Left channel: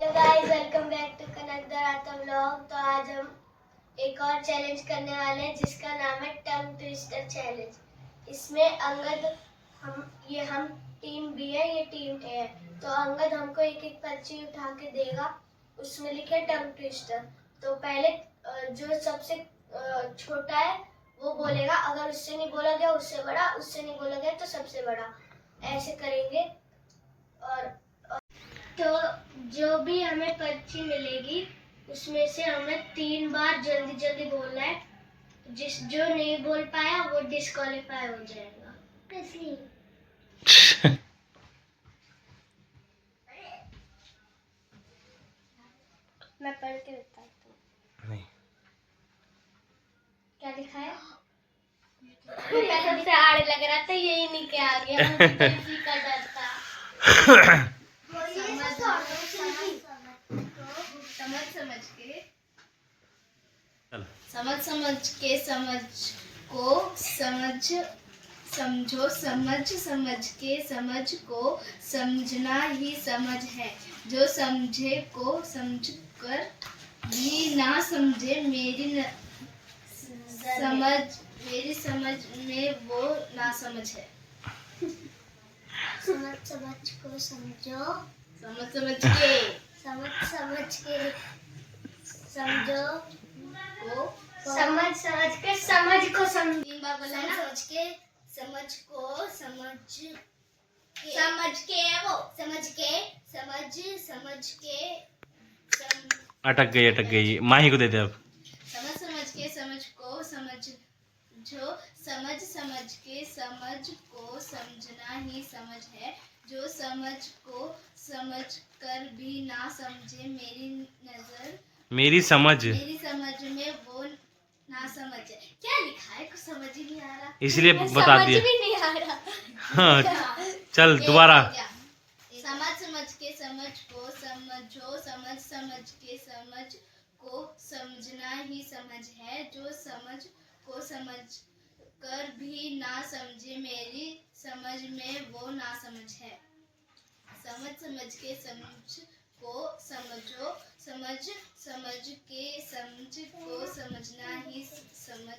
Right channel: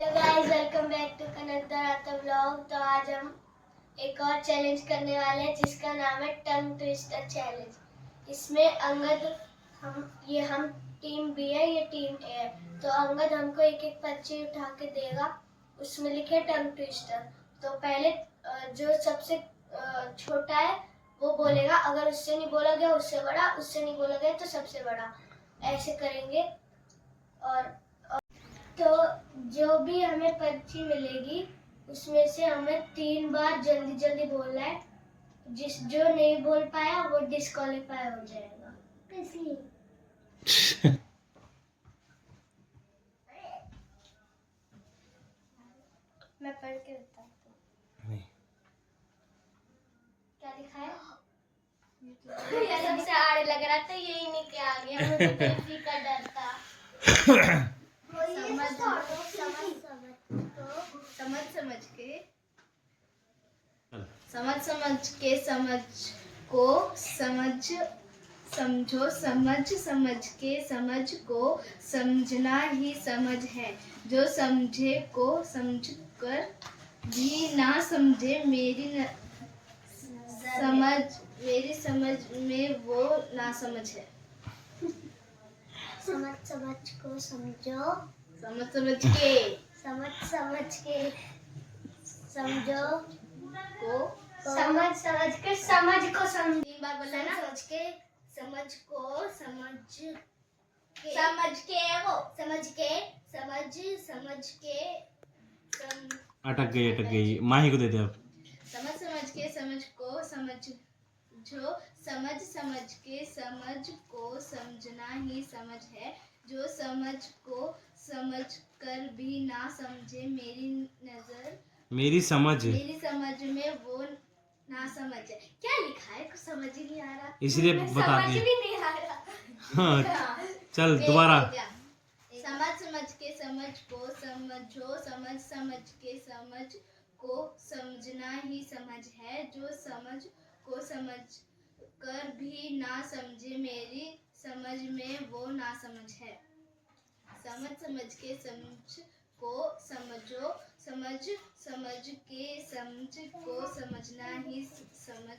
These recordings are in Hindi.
Hello guys, welcome back to Kanak दराता व्लॉग। तो आज हम एक और चैलेंज करने वाले हैं जिसका नाम है टंग ट्विस्टर चैलेंज। इसमें अंगद हम टीम बी है, ये टीम ए है। तो अंगद हमको एक एक पर्ची उठा के देगा, उसमें लिखे टंग ट्विस्टर। तो पहले जो सबसे छोटा है वो बोलेगा, अगर उससे नहीं बोला गया उससे बड़ा, उससे नहीं बोला गया तो सबसे बड़ा, ऐसे करेंगे। और तो जो भी हमें पर्ची मिलेगी उसमें से हमें 3 बार जल्दी जल्दी बोलना है। जो नहीं बोल पाया वो डिस्क्वालीफाई हो जाएगा। मैं पढ़ के बताती हूँ। नहीं। क्या लिखा है? सबसे आड़े लग रहा था, यही नहीं क्या आ गया, मुझे गलती का डर था। समझ को समझो, समझ के समझ को समझना ही समझ है। जो समझे को समझ कर भी ना समझे, मेरी समझ में वो ना समझ है। समझ को समझो, समझ के समझो को समझ के समझ को समझ। 3 बार बोला ना। समझ के समझ को समझ के अटक गई माही को दे दे अब। समझ के समझ को समझो, समझ के समझ को समझना ही समझ है। जो समझ को समझ कर भी ना समझे, मेरी समझ में वो ना समझ है। क्या लिखा है, कुछ समझ ही नहीं आ रहा, इसलिए बता दिया। समझ भी नहीं आ रहा। हाँ चल दोबारा। समझ के समझ को समझो, समझ के समझ को समझना ही समझ है। जो समझ को समझ कर भी ना समझे, मेरी समझ में वो ना समझ है। समझ के समझ को समझो, समझ के समझ को समझना ही समझ।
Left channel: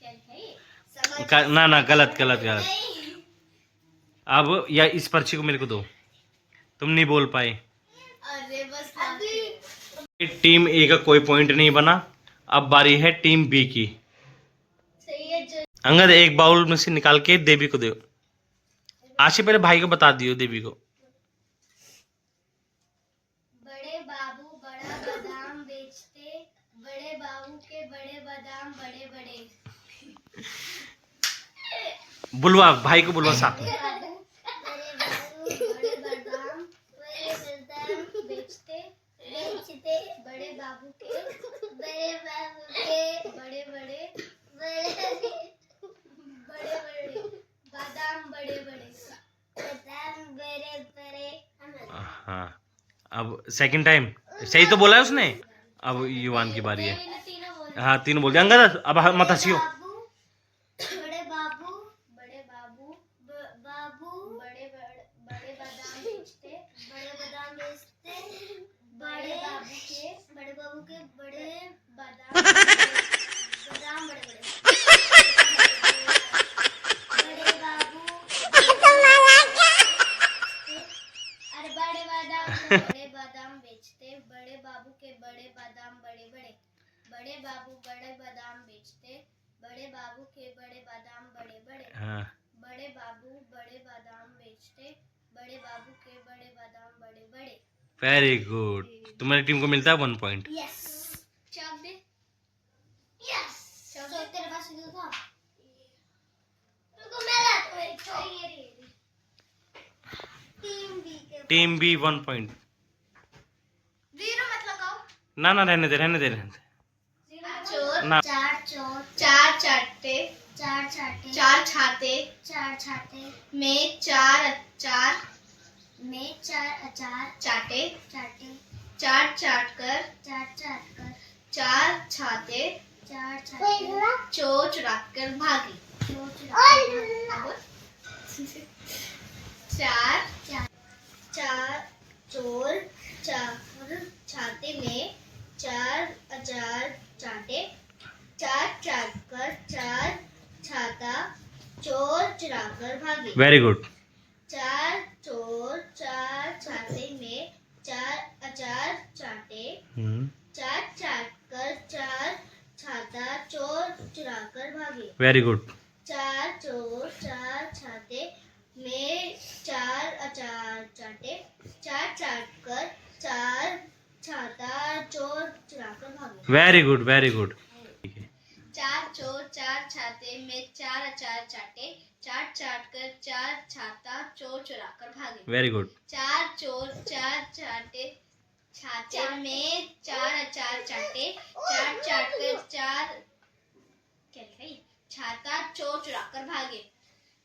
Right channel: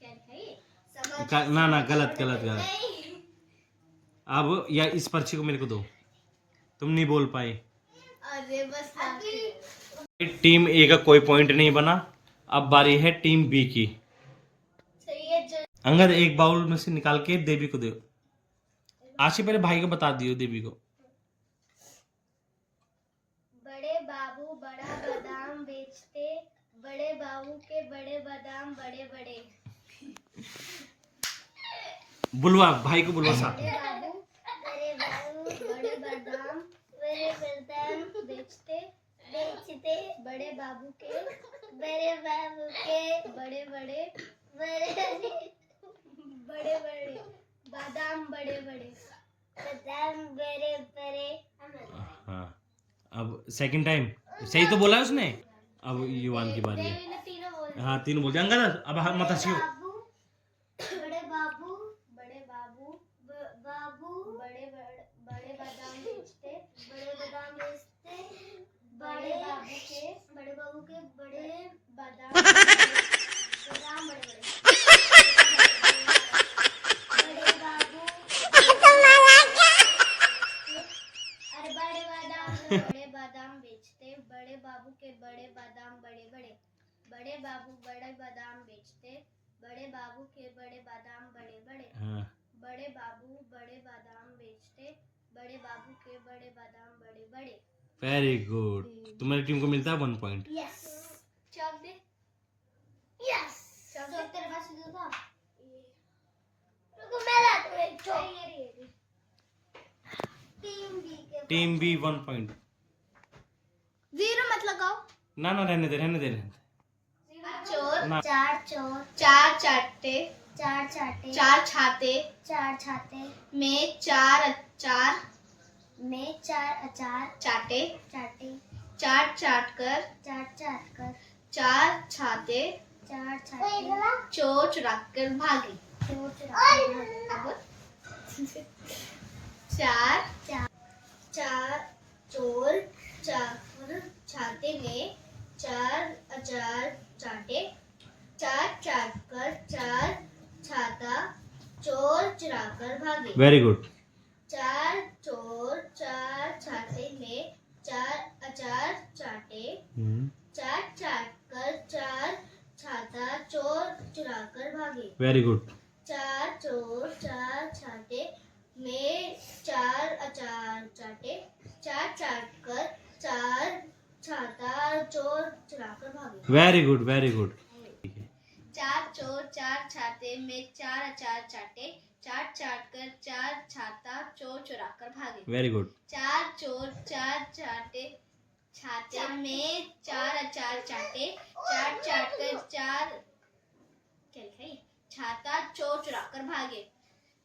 क्या है ये? ना गलत। अब या इस पर्ची को मेरे को दो, तुम नहीं बोल पाए। अरे बस टीम ए का कोई पॉइंट नहीं बना। अब बारी है टीम बी की। सही है। जो अंगद एक बाउल में से निकाल के देवी को दो। आशी पहले भाई को बता दियो देवी को। बड़े बाबू बड़ा बादाम बेचते, बड़े बाबू के बड़े बादाम बड़े बड़े। बुलवा भाई को, बुलवा साथ में। बड़े बाबू बड़े बादाम बेचते, बड़े बाबू के बड़े बड़े बादाम बड़े बड़े। हाँ अब सेकंड टाइम सही तो बोला है उसने। अब युवान की बारी है। हाँ तीनों बोल दिया अंगद, अब मत हंसियो। बड़े बाबू बड़े बादाम बेचते, बड़े बाबू के बड़े बादाम बड़े बड़े। बड़े बाबू अरे बड़े बादाम बेचते, बड़े बाबू के बड़े बादाम बड़े बड़े। बड़े बाबू बड़े बादाम बेचते, बड़े बाबू के बड़े बादाम बड़े बड़े। हाँ बड़े बाबू बड़े बादाम बेचते, बड़े बाबू के बड़े बादाम बड़े बड़े। Very good. तुम्हारी टीम को मिलता है 1 पॉइंट। यस। चॉक दे। यस। चॉक दे, तेरे पास दूंगा। तुमको मिला तो एक चॉक। ये टीम बी 1 पॉइंट। 0 मत लगाओ। ना रहने दे चोर ना। चार छाते में 4 अचार चाटे। चाट कर 4 छाते चोच रख कर भागी। चार चोर छाते में 4 अचार चाटे, 4 चाट कर 4 छाता चोर चुराकर भागे। Very good. 4 चोर 4 छाते में 4 अचार चाटे, 4 चाट कर 4 छाता चोर चुराकर भागे। Very good. 4 चोर 4 छाते में 4 अचार चाटे, 4 चाट कर 4 छाता चोर चुराकर भागे। Very good, very good. 4 चोर 4 छाते में 4 अचार चाटे, 4 चाट कर 4 छाता चोर चुराकर भागे। Very good. 4 चोर 4 छाते में 4 अचार चाटे, 4 चाट कर 4 क्या लिखा है? छाता चोर चुराकर भागे।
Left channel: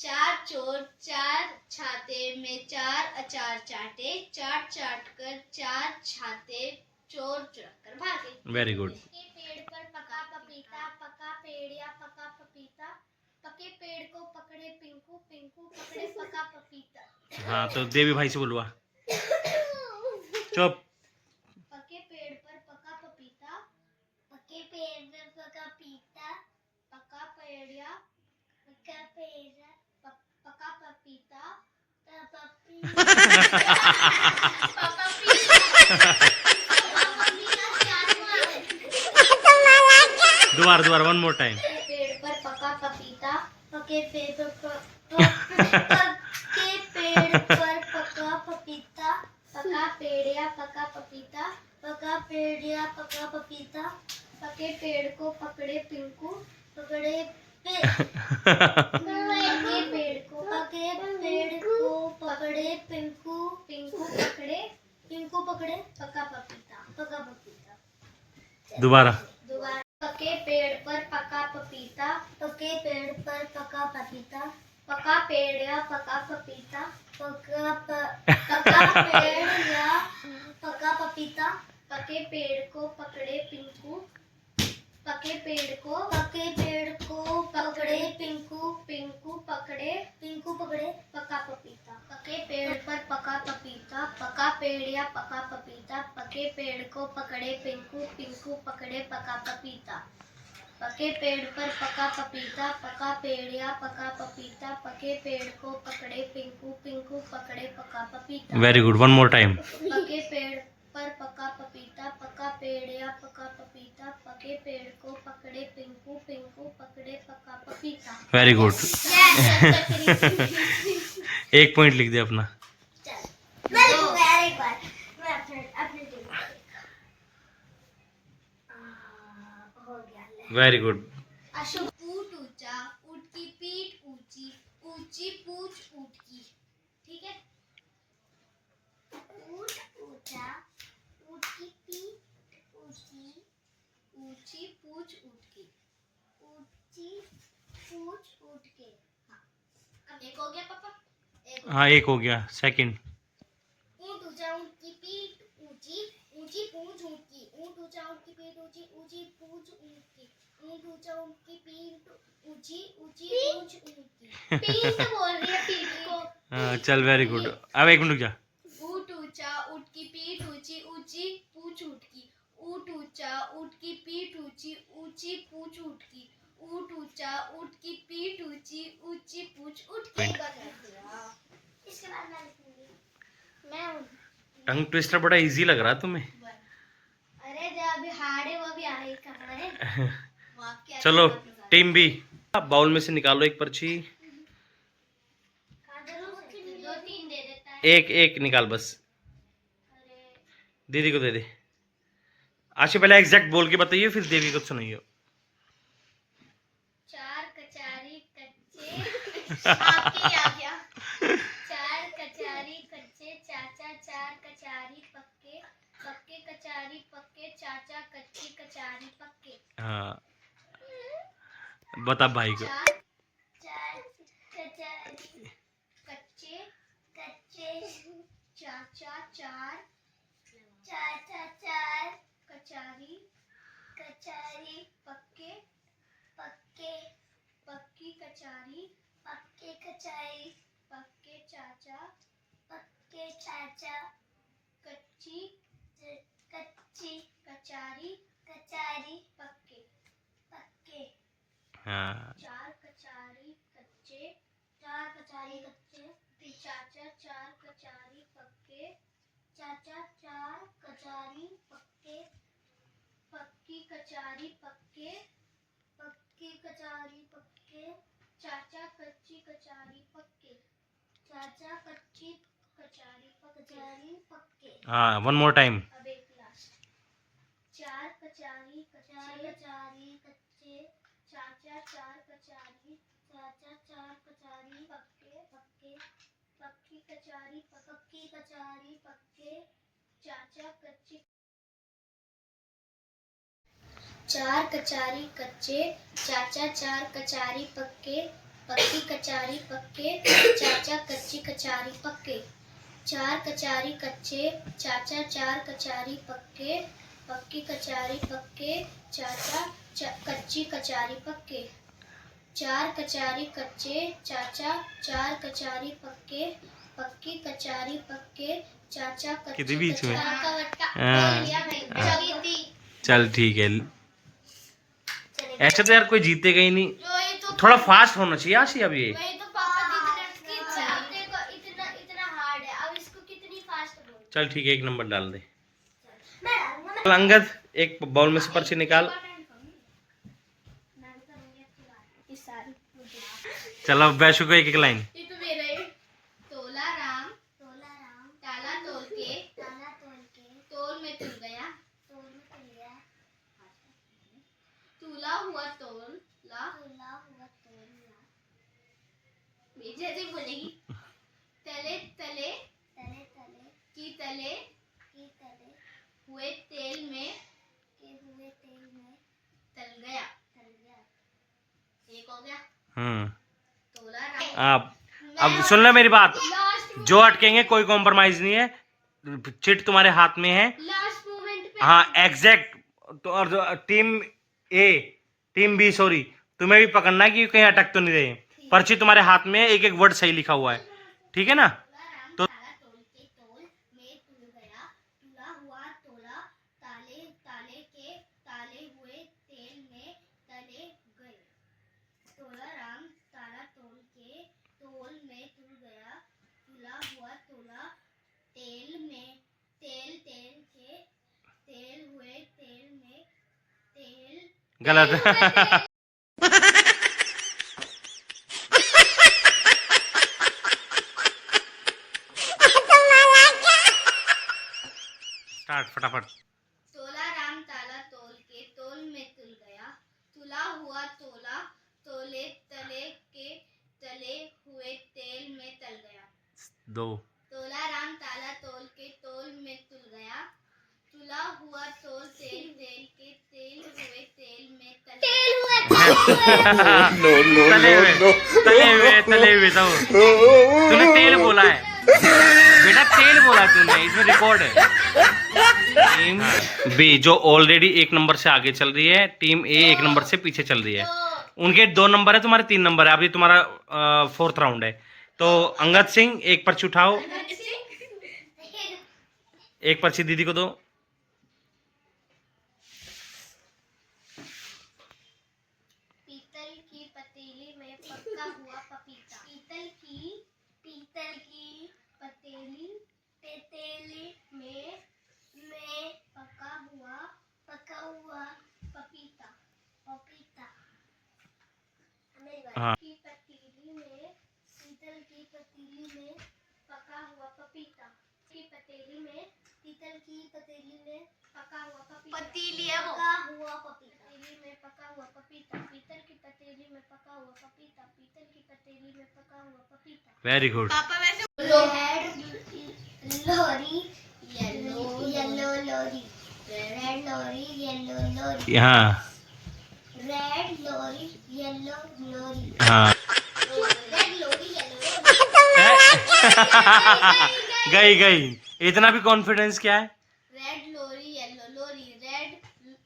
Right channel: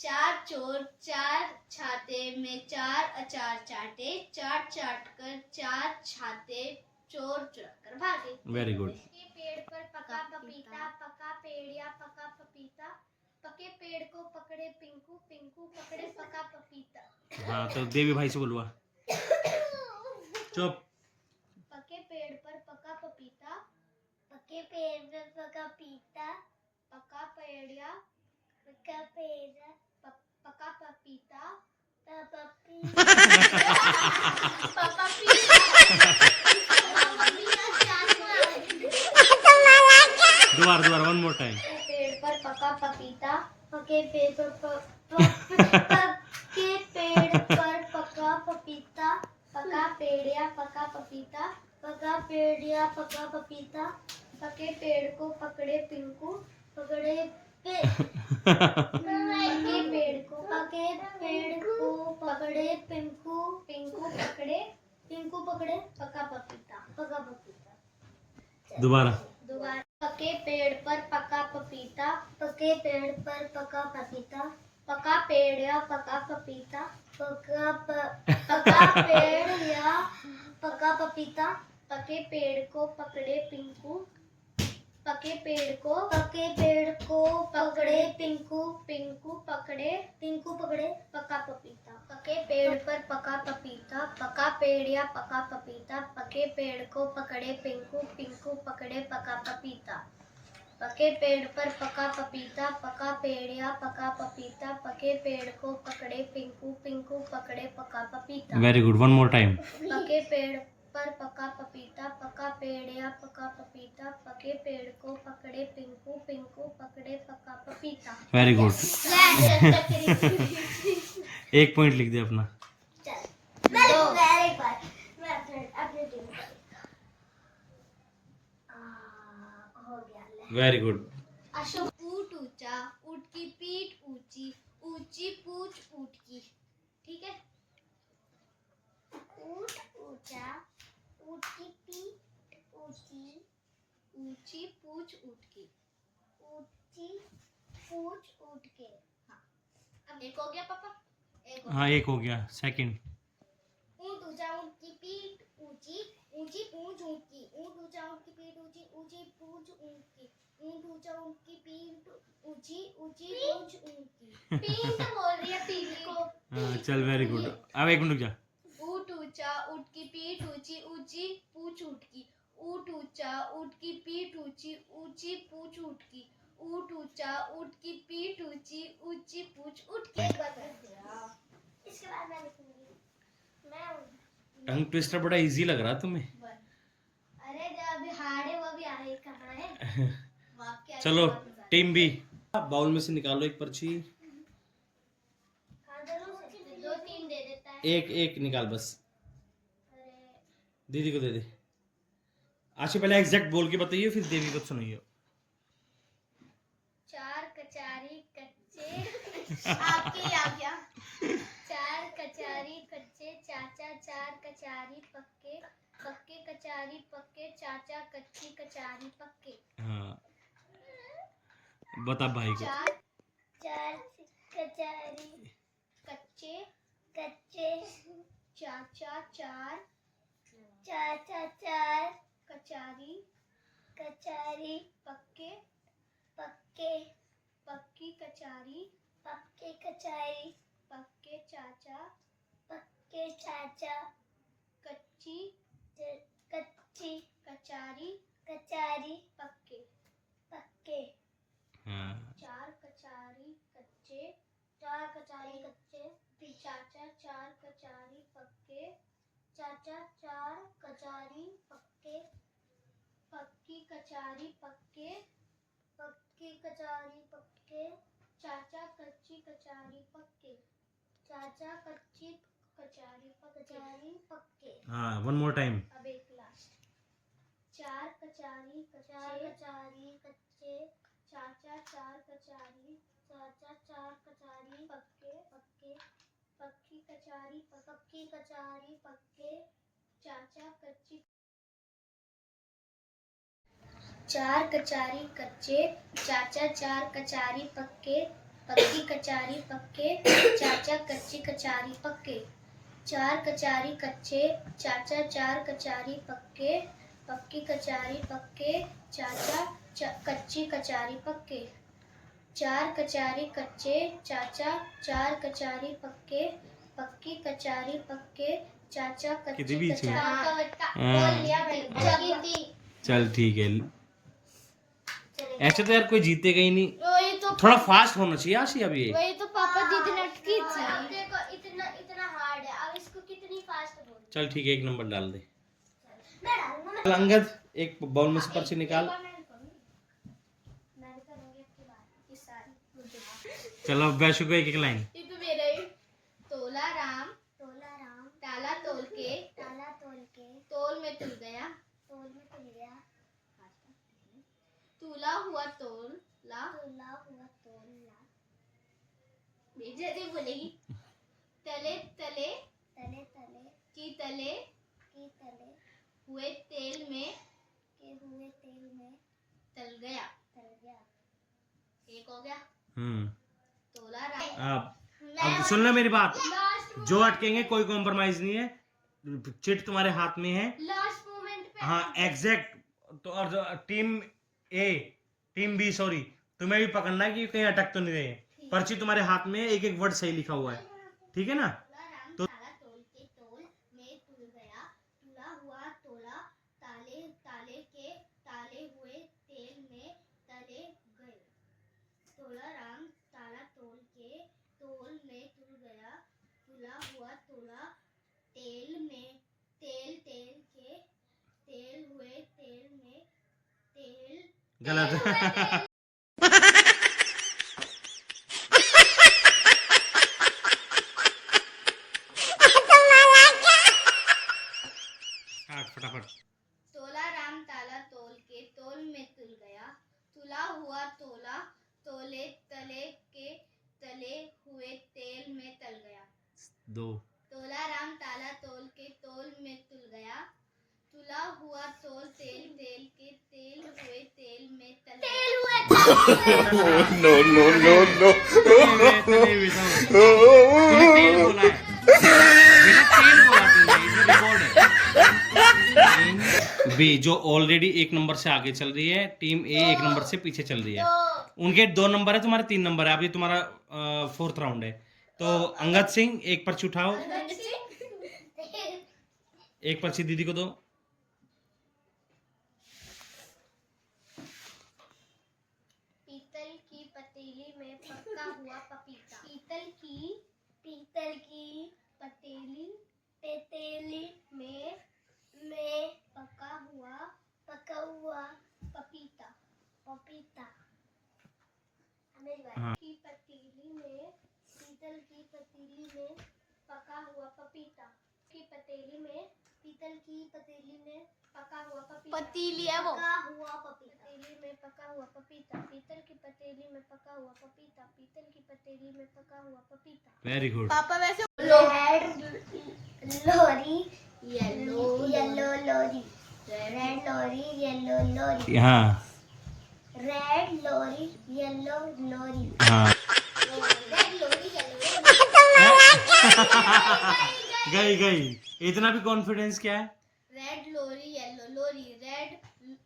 4 चोर 4 छाते में 4 अचार चाटे, 4 चाट कर 4 छाते चोर चुराकर भागे। Very good. पके पेड़ पर पका पपीता, पका पेड़ या पका पपीता, पके पेड़ को पकड़े पिंकू, पिंकू पकड़े पका पपीता। हाँ तो देवी भाई से बोलवा। चुप। पके पेड़ पर पका पपीता, पके पेड़ पर पका पपीता, पका पेड़ या पका पेड़ पका पपीता, दोबारा दोबारा, वन मोर टाइम। पेड़ पर पका पपीता, पके पेड़ पर पके पेड़ पर पका पपीता, पका पेड़ या पका पपीता, पका पेड़ या पका पपीता, पके पेड़ को पकड़े पिंकू, पके पेड़ को पकड़े पिंकू, पिंकू पकड़े पका पपीता। दोबारा। पके पेड़ पर पका पपीता, पके पेड़ पर पका पपीता, पका पेड़ या पका पपीता, पका पेड़ या पका पपीता, पके पेड़ को पकड़े पिंकू, पके पेड़ को पकड़े पिंकू, पिंकू पकड़े पका पपीता। पके पेड़ पर पका पपीता, पका पेड़ या पका पपीता, पके पेड़ को पकड़े पिंकू, पिंकू पकड़े पका पपीता। पके पेड़ पर पका पपीता, पका पेड़ या पका पपीता, पके पेड़ को पकड़े पिंकू, पिंकू पकड़े पका पपीता। Very good, one more time. पके पेड़ पर पका पपीता, पका पेड़ या पका पपीता, पके पेड़ को पकड़े पिंकू, पिंकू पकड़े पका पपीता। Very good. एक पॉइंट लिख दे अपना। Very good. ऊट ऊंचा, ऊट की पीठ ऊंची, ऊंची पूंछ ऊट की। ठीक है। ऊट ऊंचा, ऊट की पीठ ऊंची, ऊंची पूंछ ऊट की, ऊंची पूंछ ऊट के। हाँ, अब एक हो गया पापा। हाँ एक हो गया। सेकंड। ऊट ऊंचा, ऊट की पीठ ऊंची, ऊंची पूंछ ऊट की, ऊट ऊंचा, ऊट की पीठ ऊंची, ऊंची पूंछ ऊट की, ऊट ऊंचा, ऊट की पीठ ऊंची, ऊंची पूंछ ऊट की। पीठ बोल रही है, पीठ को। हाँ चल, वेरी गुड। अब एक मिनट रुक जा। ऊट ऊंचा, ऊट की पीठ ऊंची, ऊंची पूंछ ऊट की, ऊट ऊंचा, ऊट की पीठ ऊंची, ऊंची पूंछ ऊट की, ऊट ऊंचा, ऊट की पीठ ऊंची, ऊंची पूंछ ऊट की। इसके बाद मैं लिखूंगी। टंग ट्विस्टर बड़ा इजी लग रहा है तुम्हें। अरे जो अभी हार्ड है वो भी आने का है। चलो टीम बी, बाउल में से निकालो एक पर्ची। 2-3 दे देता है। एक निकाल बस। दीदी को दे दे। आशी पहले एग्जैक्ट बोल के बताइए, फिर देवी को सुनाइए। 4 कचारी कच्चे आपके आ गया। 4 कचारी कच्चे चाचा, 4 कचारी पक्के, पक्के कचारी पक्के चाचा, कच्ची कचारी पक्के। हाँ बता भाई को। 4 कचारी कच्चे चाचा, 4 कचारी पक्के पक्की कचारी पक्के चाचा कच्ची कचारी पक्के, पक्की कचारी पक्के, चाचा कच्ची कचारी पक्के, चाचा कच्ची कचारी पक्के। हाँ, वन मोर टाइम। अब एक लास्ट, चार कचारी कच्चे, चाचा चार कचारी पक्के, पक्की कचारी पक्के, चाचा कच्ची। चार कचारी कच्चे, चाचा चार कचारी पक्के, पक्की कचारी पक्के, चाचा कच्ची कचारी पक्के। चार कचारी कच्चे, चाचा चार कचारी पक्के, पक्की कचारी पक्के, चाचा कच्ची कचारी पक्के। चार कचारी कच्चे, चाचा चार कचारी पक्के, पक्की कचारी पक्के, चाचा कच्ची बीच में कचारी। चल ठीक है। ऐसे तो यार कोई जीतेगा ही नहीं, थोड़ा फास्ट होना चाहिए आशी। अब ये वही तो पापा जितने देखो इतना हार्ड है, अब इसको कितनी फास्ट बोल। चल ठीक है, एक नंबर डाल दे। अंगद एक बाउल में से पर्ची निकाल। चलो अब वैशु को एक एक लाइन। ये तो मेरा ही। तोला राम ताला तोल के तोल में तुल गया, तुला हुआ तोला जैसे बोलेगी। तले की तले हुए तेल में तल गया। एक हो गया। तोला राम। अब सुन लो मेरी बात, जो अटकेंगे कोई कॉम्प्रोमाइज नहीं है, चिट तुम्हारे हाथ में है। लास्ट मोमेंट पे। हाँ एग्जैक्ट। तो और टीम ए टीम बी सॉरी, तुम्हें भी पकड़ना है कि कहीं अटक तो नहीं रहे। पर्ची तुम्हारे हाथ में है, एक एक वर्ड सही लिखा हुआ है, ठीक है ना? तो तोल के तोल में तुल गया, तुला हुआ तोला ताले के ताले हुए तेल में तले गए। तोला राम ताला तोल के तोल में तुल गया, तुला हुआ तोला तेल में तेल के तेल हुए तेल में तेल। गलत। स्टार्ट फटाफट। तोला राम ताला तोल के तोल में तुल गया, तुला हुआ तोला तोले तले के तले हुए तेल में तल गया। दो। तोला राम ताला तोल के तोल में तुल गया, तुला हुआ तोल तेल के तेल हुए तेल में तल गया। नो नो नो नो, तले हुए तो तूने तेल बोला है बेटा, तेल बोला तूने, इसमें रिकॉर्ड है। टीम बी जो ऑलरेडी एक नंबर से आगे चल रही है, टीम ए एक नंबर से पीछे चल रही है। उनके 2 नंबर है, तुम्हारे 3 नंबर है। अभी तुम्हारा 4th राउंड है। तो अंगद सिंह एक पर्ची उठाओ, एक पर्ची दीदी को दो। पीतल की पतीली में पका हुआ पपीता। पीतल की पतीली में पका हुआ पपीता। मेरी बात। हाँ। की पतीली में पीतल की पतीली में पका हुआ पपीता। की पतीली में पीतल की पतीली में पका हुआ पपीता। पतीली है वो। पका हुआ पपीता। पतीली में पका हुआ पपीता। पीतल की पतीली में पका हुआ पपीता। पीतल की पतीली में पका हुआ पपीता। Very good. पापा वैसे रेड लोरी येलो लोरी, रेड लोरी येलो लोरी, हाँ रेड लोरी येलो लोरी, हाँ। रेड लोरी येलो गई। इतना भी कॉन्फिडेंस क्या है? रेड लोरी येलो लोरी, रेड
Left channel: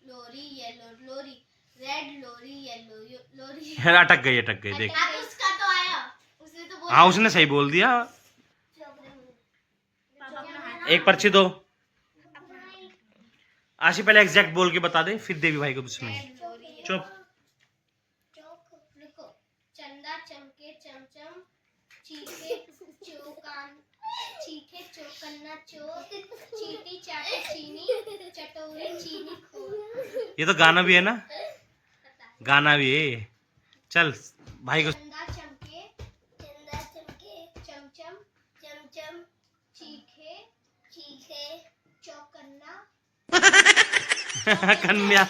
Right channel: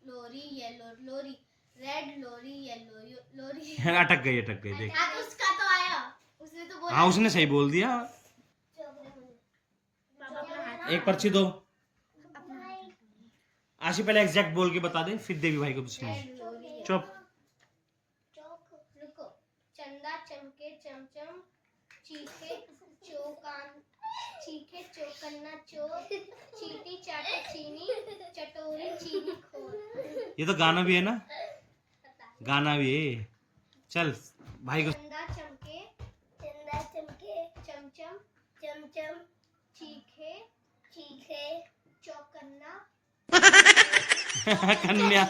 लोरी येलो लोरी, रेड लोरी येलो लोरी। अटक गई देख। उसका तो आया, उसने तो बोला। हाँ उसने सही बोल दिया। एक पर्ची दो आशी, पहले एग्जैक्ट बोल के बता दे, फिर देवी भाई को दुश्मनी। चुप। रुको। चंदा चमके चमचम, चीखे चौकन्ना चोर, चीटी चाटे चीनी, चटोरी चीनी खोर। ये तो गाना भी है ना, गाना भी है। चल भाई को। चंदा चमके चमचम चमचम चीखे चौकन्ना कन्या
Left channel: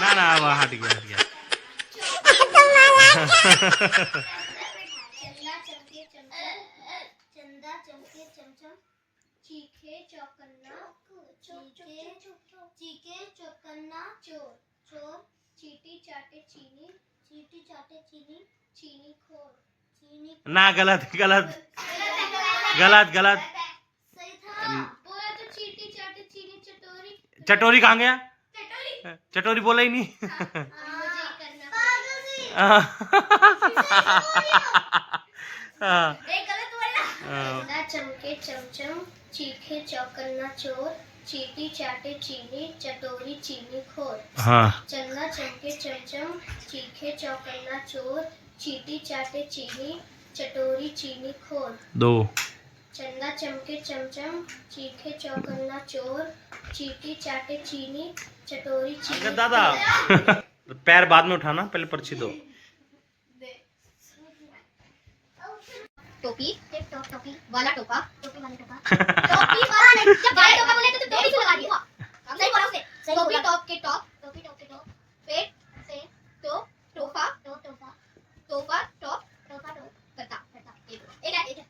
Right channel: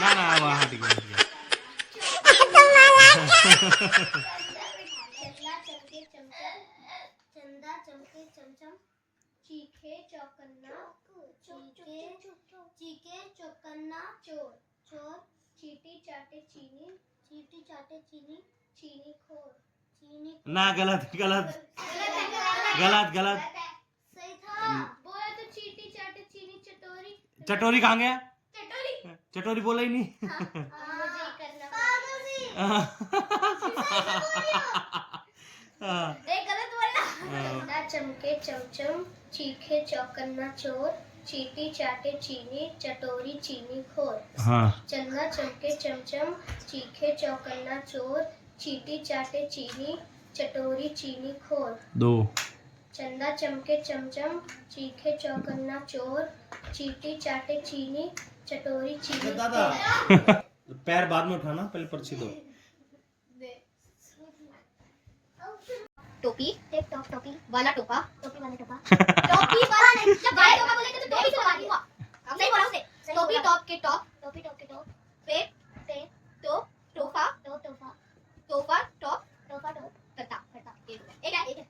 ना ना वो हट गया चंदा चमके चमचम चीखे चौकन्ना चोर चीटी चाटे चीनी चीनी खोर ना गलत गलत गलत गलत। सही था। बोला तो चीटी चाटे चीनी चटोरी चटोरी कहाँ गया? चटोरी बोला ही नहीं। मुझे करना गलत बोला। चंदा चमके चमचम चीखे चौकन्ना चोर चीटी चाटे चीनी चटोरी चीनी खोर। हाँ चंदा चमके चमचम चीखे चौकन्ना चोर चीटी चाटे चीनी चटोरी चीनी खोर। 2 चंदा चमके चमचम चीखे चौकन्ना चोर चीटी चाटे चीनी चटोरी चीनी दादा पैर बाद में उठाना, पहले पर्ची दो। टोपी टोपी वाला टोपा टोपी वाला टोपा टोपी वाला नहीं, जब वाला टोपा बोले तो टोपी से लगा दिया। सही बोला उसने। टोपी टॉप के टॉप पेट से टोप टोपा टोपा टॉप करता एक है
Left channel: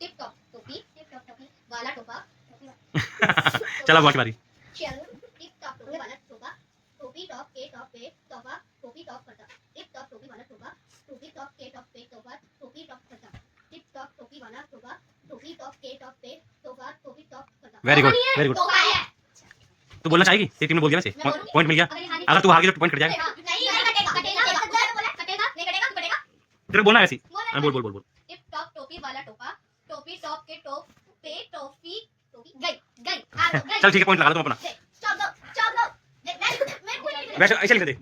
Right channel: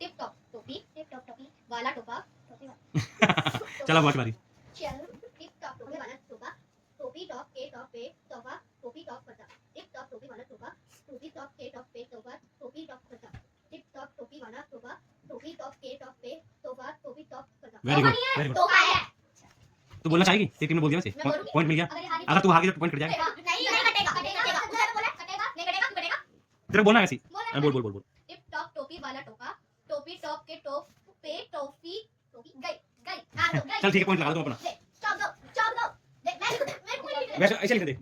टिप टॉप टोपी वाला टोपा टोपी चला बारी। चल टिप टॉप टोपी वाला टोपा टोपी टॉप के टॉप पे टोपा टोपी टॉप करता टिप टॉप टोपी वाला टोपा टोपी टॉप के टॉप पे टोपा टोपी टॉप करता टिप टॉप टोपी वाला टोपा टोपी टॉप के टॉप पे टोपा टोपी टॉप करता। वेरी गुड टोपा है। तू बोलना चाहेगी? तेरी टीम ने बोल दिया वैसे, पॉइंट मिल गया। अगर तू हार गई तो पॉइंट कट जाएगा। नहीं कटेगा। तेरे बोलना है वैसे। बोल। टिप टॉप टोपी वाला टोपा टोपी टॉप के टॉप पे टोपी गई चल ठीक है, पॉइंट लगा दो तुम अपना। चल दो वैसे ऐसे लिख दे।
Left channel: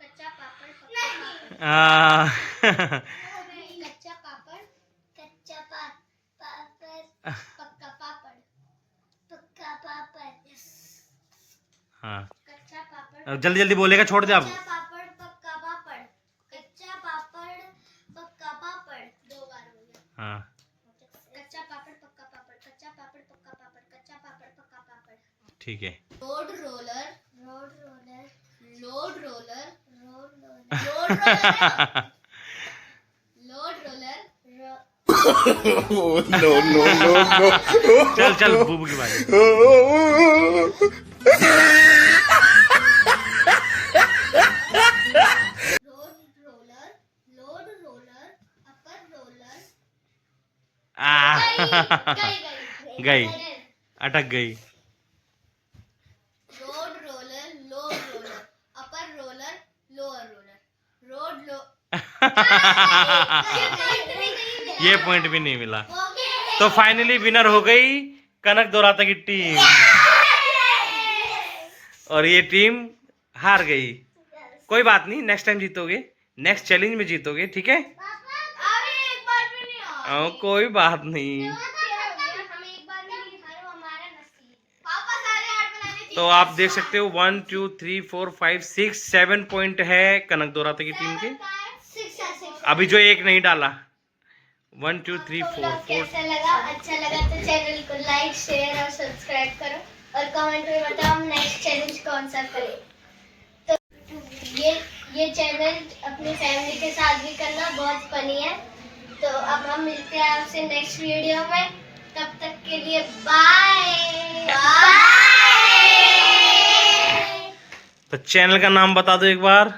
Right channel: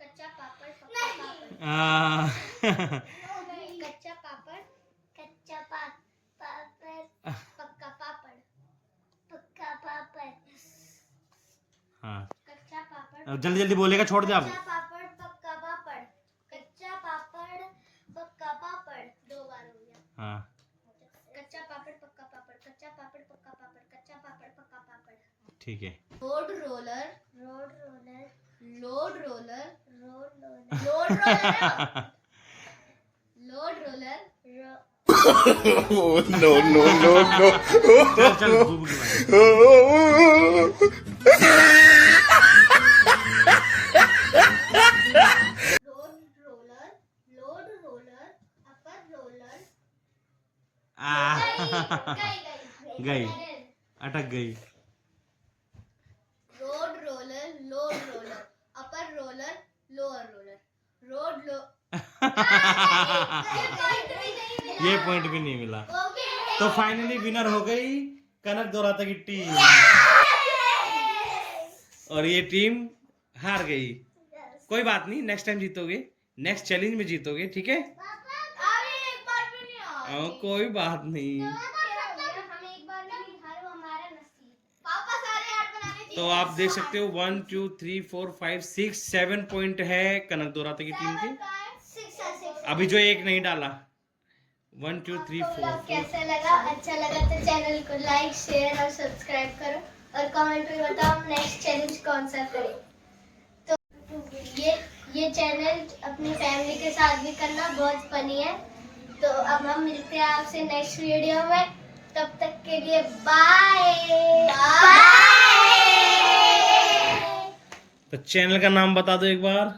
कच्चा पापड़ पक्का पापड़ हाँ कच्चा पापड़ जल्दी जल्दी बोलेगा, छोड़ दे आप। कच्चा पापड़ पक्का पापड़ 2 बार हो गया। हाँ कच्चा पापड़ पक्का पापड़ ठीक है। Road roller No. चल बूबू की बारी। लोड रोलर अपर रोलर गई, अटक गई। Road roller load roller upper roller lower roller ये पॉइंट भी नहीं मिला। तो फाइनली विनर हो गई कनक दोराता की टीम, और ये टीम हार गई। कोई बात नहीं, नेक्स्ट टाइम जीतोगे, नेक्स्ट चैलेंज में जीतोगे, ठीक है। कोई बात नहीं। तो आप देख सकते हो 1 2 3 4 5 6 7 पॉइंट है कनक दोराता की टीम के। अभी जो एक नहीं डाला 1 2 3 4 कैसा लगा? अच्छा लगा तो चैनल को लाइक शेयर और सब्सक्राइब करो और कमेंट में बताओ हम नेक्स्ट चैलेंज कौन सा करें। तो ये चैलेंज अपनी फैमिली के साथ भी करना, बहुत फनी है। तो अब हम मिलते हैं आपसे नेक्स्ट वीडियो में, तब तक के लिए बाय। तो चैनल का नाम बता दो एक बार।